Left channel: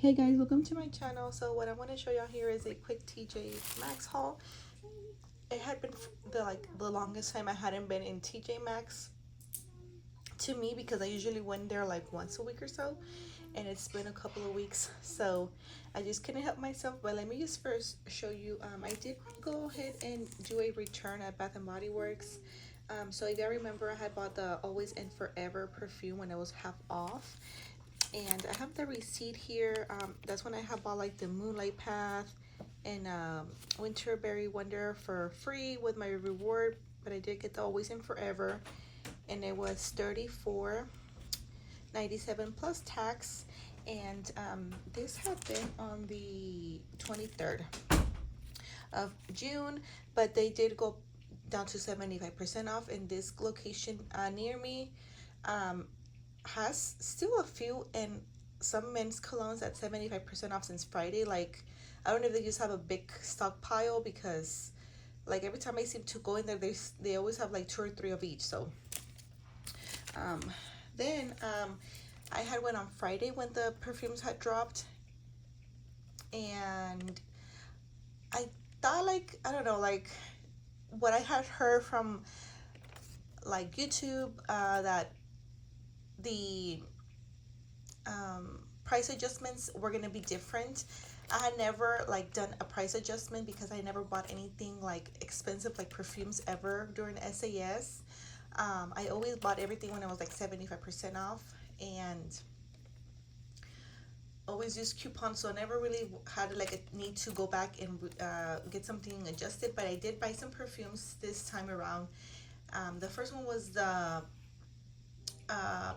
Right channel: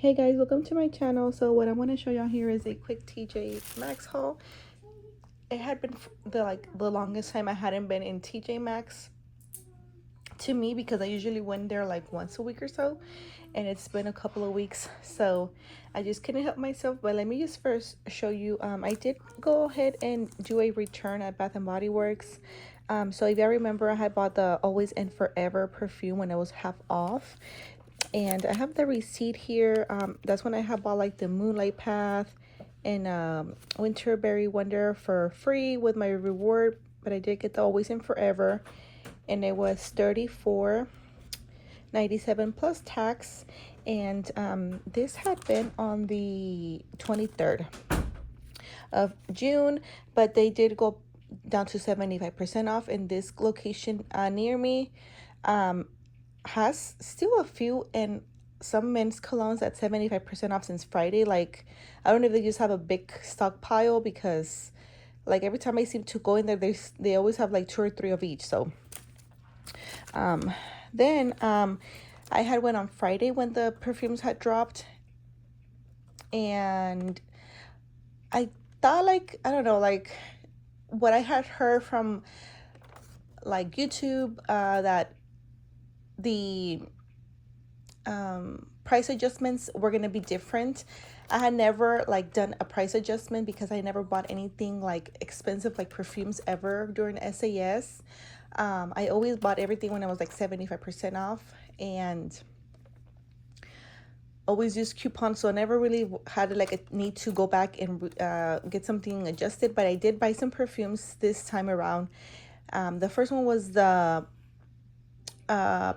Hey guys, welcome to my channel. So what I want to show y'all here is a quick TJ Maxx haul. It had been the longest time I hadn't been in TJ Maxx to me, because I usually went there like once a week or so, and it's been a couple of weeks, so I just couldn't help myself. But let me just first show you, I did go ahead and do a return at Bath and Body Works. So if y'all remember, I had bought the Always and Forever perfume when it was half off, and I have the receipt here. That's when I have bought like the Moonlight Path and Winterberry Wonder for free with my reward, but I did get the Always and Forever, and it was $34.97 plus tax. And this had been on the 23rd of June, but they did go down to 75% off. In this location near me has still a few and some men's colognes at 75% off since Friday. Like, I don't know if they just have a big stockpile, because like every time I seem to go in there, they always have like 2 or 3 of each. So then I had went on Friday when the perfumes had dropped, and I thought, like, I don't know, like what I had heard from like YouTube, that the price adjustments were gonna be different. I had never like done a price adjustment because I never bought anything like expensive like perfumes ever during SAS. I always bought everything when I was like 75% off, and always use coupons, so I never really had like a need to go back and get something adjusted. But I did buy some perfumes this time around. The first one was the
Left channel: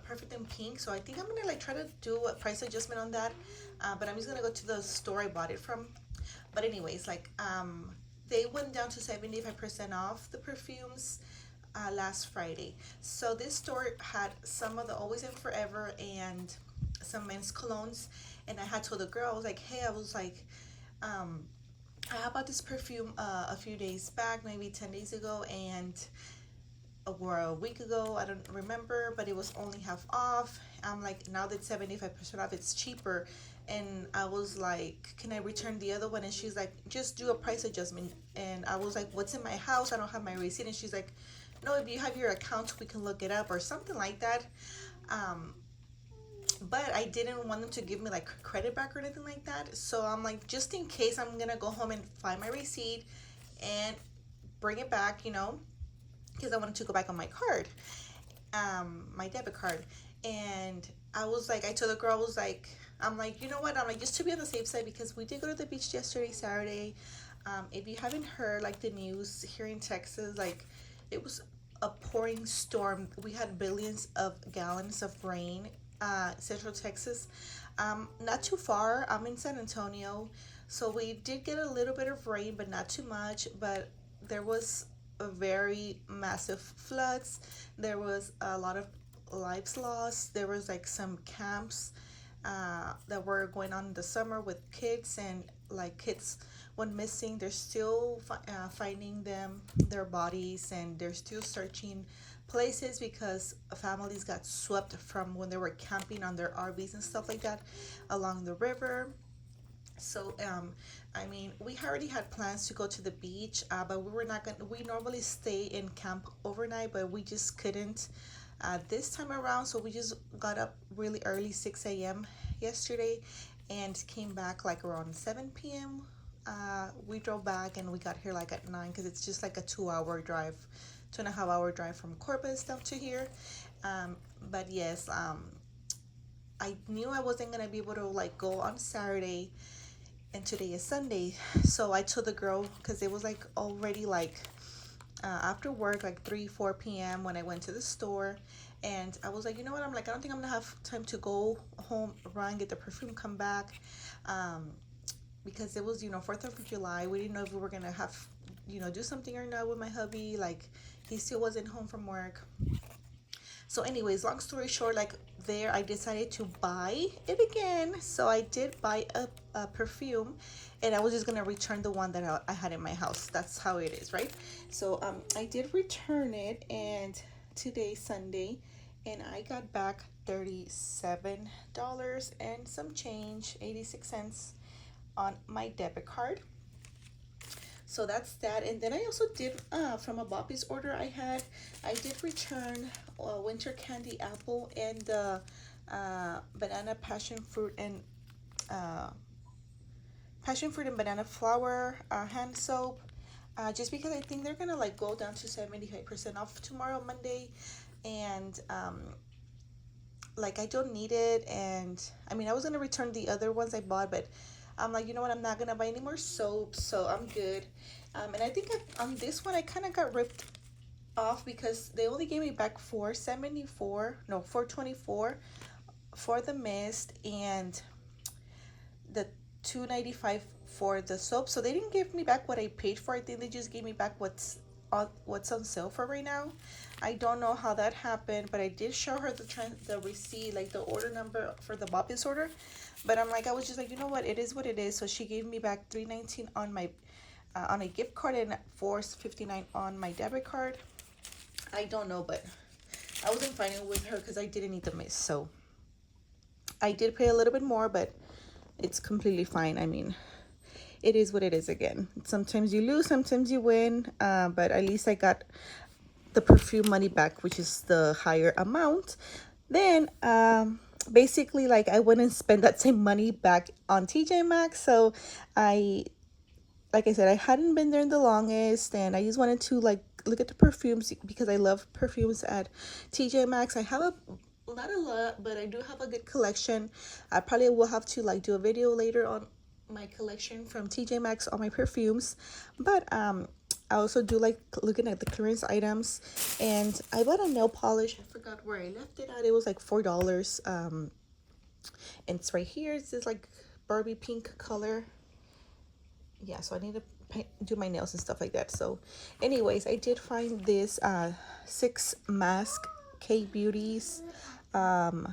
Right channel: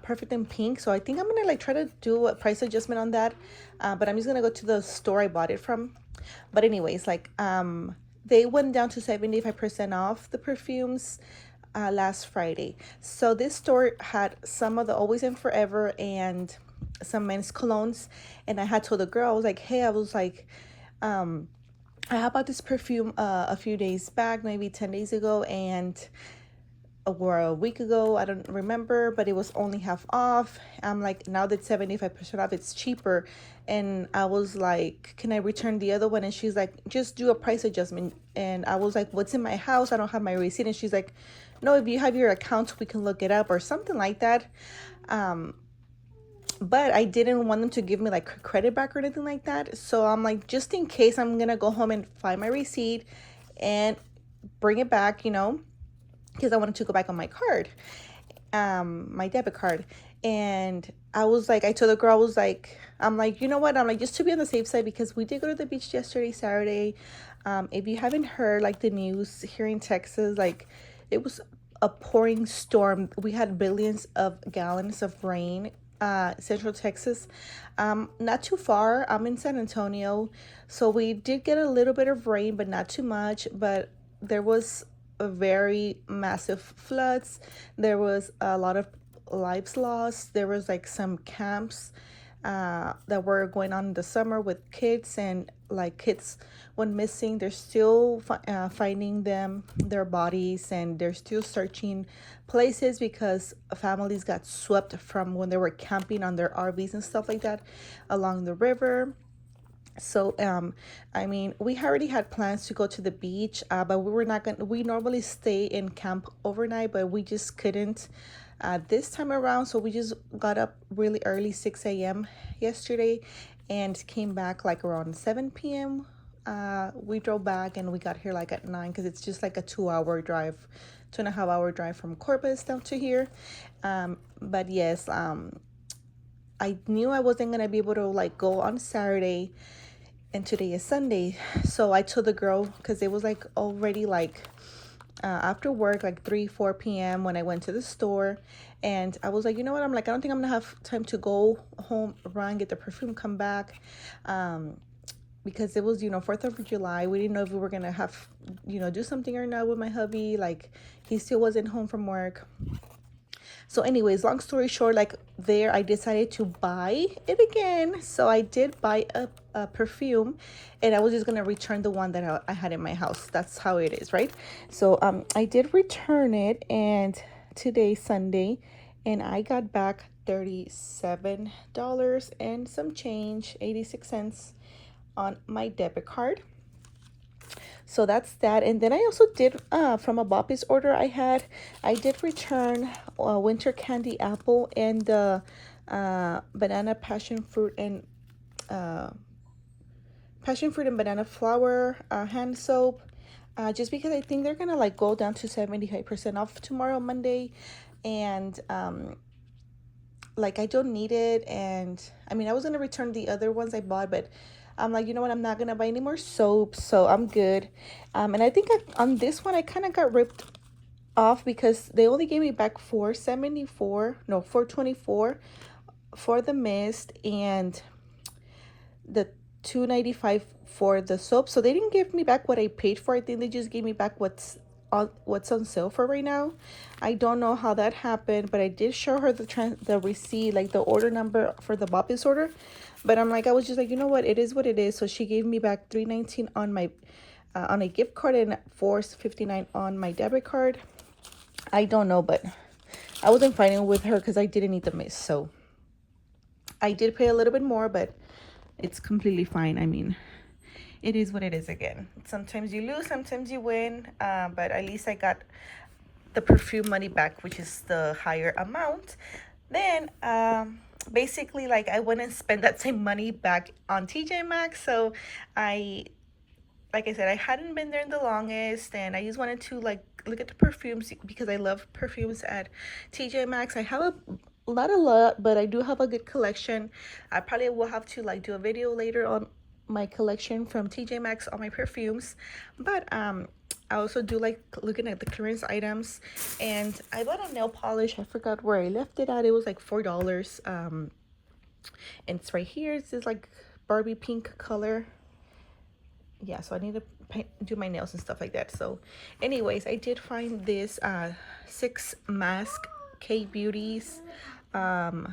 Perfect in Pink, so I think I'm gonna like try to do a price adjustment on that, but I'm just gonna go to the store I bought it from. But anyways, like they went down to 75% off the perfumes last Friday. So this store had some of the Always and Forever and some men's colognes, and I had told the girl, I was like, hey, I was like, I bought this perfume a few days back, maybe 10 days ago, and or a week ago, I don't remember, but it was only half off. I'm like, now that 75% off, it's cheaper. And I was like, can I return the other one? And she's like, just do a price adjustment. And I was like, what's in my house? I don't have my receipt. And she's like, no, if you have your account, we can look it up, or something like that. But I didn't want them to give me like credit back or anything like that. So I'm like, just in case, I'm gonna go home and find my receipt and bring it back, because I wanted to go back on my card, my debit card. And I was like, I told the girl, I was like, I'm like, you know what? I'm like, just to be on the safe side, because we did go to the beach yesterday, Saturday. If you haven't heard like the news here in Texas, like it was a pouring storm. We had billions of gallons of rain, Central Texas. Not too far. I'm in San Antonio, so we did get a little bit of rain, but not too much. But there was a very massive floods. There was a lot of lives lost. There was like some camps that were going on in the summer with kids, and like kids went missing. They're still finding their bodies, and they're still searching places because families got swept from when they were camping on their RVs and stuff like that along the river. So I mean, we already had plans to go to the beach, but we were not gonna, we normally stay in camp overnight, but we just couldn't this time around. So we just got up really early, 6 a.m. yesterday, and came back like around 7 p.m. We drove back, and we got here like at 9, because it's just like a 2-hour drive, 2.5-hour drive from Corpus down to here. But yes, I knew I wasn't gonna be able to like go on Saturday, and today is Sunday. So I told the girl, because it was like already like after work, like 3-4 p.m. when I went to the store, and I was like, you know what, I'm like, I don't think I'm gonna have time to go home, run, get the perfume, come back, because it was 4th of July. We didn't know if we were gonna have do something or not with my hubby. Like, he still wasn't home from work. So anyways, long story short, like there, I decided to buy it again. So I did buy a perfume, and I was just gonna return the one that I had in my house. That's how it is, right? So I did return it, and today's Sunday, and I got back $37 and some change, 86 cents on my debit card. So that's that. And then I also did from a Boppy's order I did return winter candy apple and the banana uh, passion fruit and banana flour hand soap, just because I think they're gonna like go down to 75% off tomorrow, Monday. And like I don't need it. And I mean, I was gonna return the other ones I bought, but I'm like, you know what, I'm not gonna buy any more soap, so I'm good. And I think on this one I kind of got ripped off because they only gave me back 474, no, 424 for the mist and the 295 for the soap. So they didn't give me back what I paid for. I think they just gave me back what's on sale for right now. I don't know how that happened, but I did show her the receipt, like the order number for the Boppy's order. But I'm like, I was just like, you know what, it is what it is. So she gave me back $3.19 on my on a gift card and $4.59 on my debit card. I don't know, but I wasn't fighting with her because I didn't need the mist. So I did pay a little bit more, but it's completely fine. I mean, it is what it is. Again, sometimes you lose, sometimes you win, but at least I got the perfume money back, which is the higher amount. Then basically, like, I went and spent that same money back on TJ Maxx. So like I said, I hadn't been there the longest, and I just wanted to like look at the perfumes because I love perfumes at TJ Maxx. I have not a lot, but I do have a good collection. I probably will have to like do a video later on my collection from TJ Maxx on my perfumes. But I also do like looking at the clearance items. And I bought a nail polish. I forgot where I left it at. It was like $4. And it's right here. It's this like Barbie pink color. Yeah, so I need to do my nails and stuff like that. So anyways, I did find this 6 mask K-Beauty's AHA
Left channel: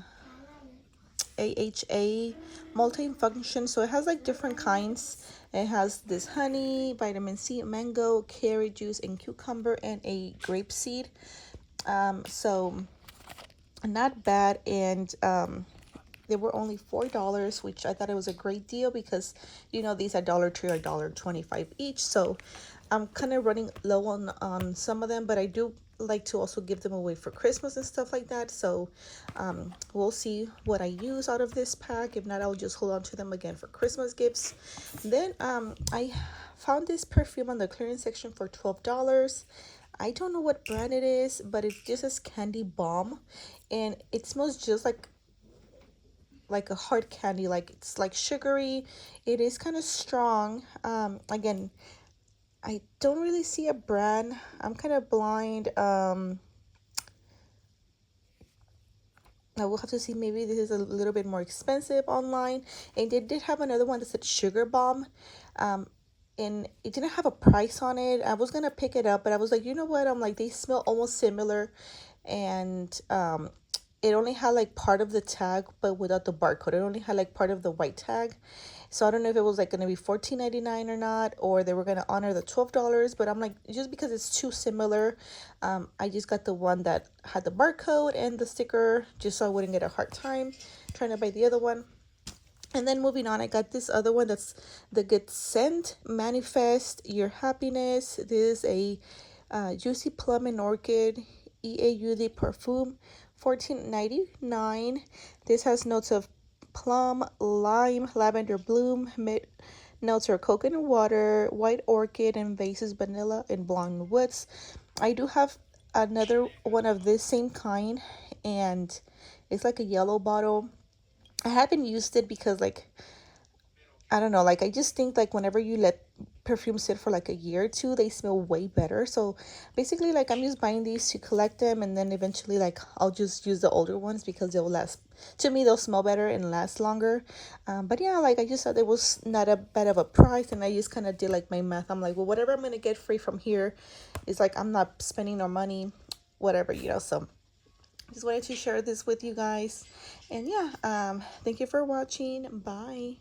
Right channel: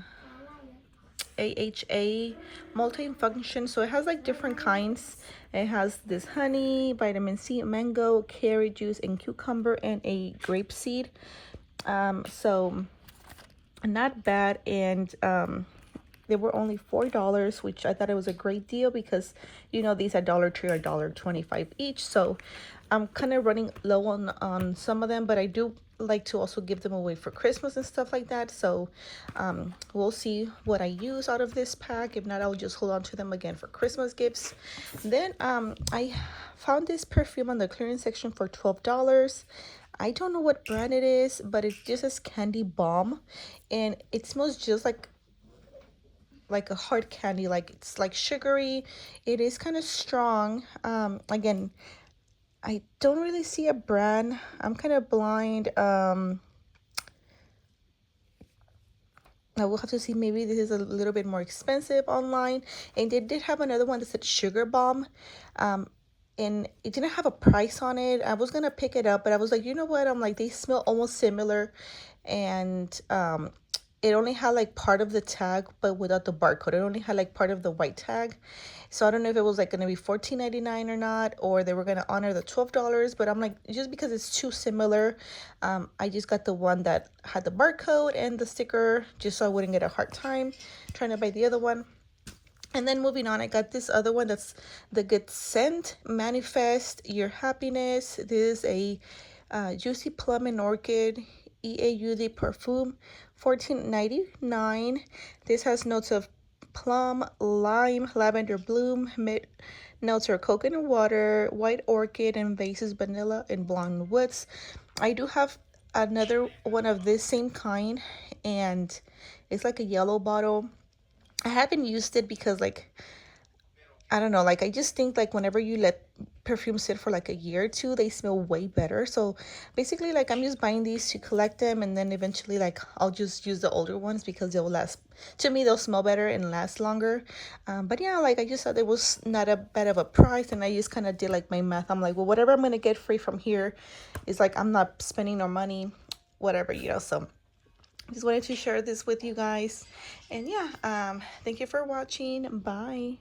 multi-function. So it has like different kinds. It has this honey, vitamin C, mango, carrot juice, and cucumber, and a grape seed. So not bad. And they were only $4, which I thought it was a great deal because, you know, these at Dollar Tree are $1.25 each. So I'm kind of running low on some of them, but I do like to also give them away for Christmas and stuff like that. So we'll see what I use out of this pack. If not, I'll just hold on to them again for Christmas gifts. Then I found this perfume on the clearance section for $12. I don't know what brand it is, but it just says Candy Bomb, and it smells just like a hard candy. Like, it's like sugary. It is kind of strong. Again, I don't really see a brand. I'm kind of blind. I will have to see. Maybe this is a little bit more expensive online. And they did have another one that said Sugar Bomb, and it didn't have a price on it. I was gonna pick it up, but I was like, you know what, I'm like, they smell almost similar. And it only had like part of the tag, but without the barcode. It only had like part of the white tag. So I don't know if it was like going to be $14.99 or not, or they were going to honor the $12. But I'm like, just because it's too similar, I just got the one that had the barcode and the sticker, just so I wouldn't get a hard time trying to buy the other one. And then moving on, I got this other one that's the Good Scent Manifest Your Happiness. This is a Juicy Plum and Orchid EAUD perfume, $14.99. This has notes of plum, lime, lavender bloom, mid notes are coconut water, white orchid, and vases vanilla and blonde woods. I do have another one of this same kind, and it's like a yellow bottle. I haven't used it because, like, I don't know, like, I just think like whenever you let perfume sit for like a year or two, they smell way better. So basically, like, I'm just buying these to collect them, and then eventually, like, I'll just use the older ones because they'll last, to me, they'll smell better and last longer. But yeah, like, I just thought it was not a bad of a price, and I just kind of did like my math. I'm like, well, whatever I'm gonna get free from here is like, I'm not spending no money, whatever, you know. So just wanted to share this with you guys. And yeah, thank you for watching. Bye.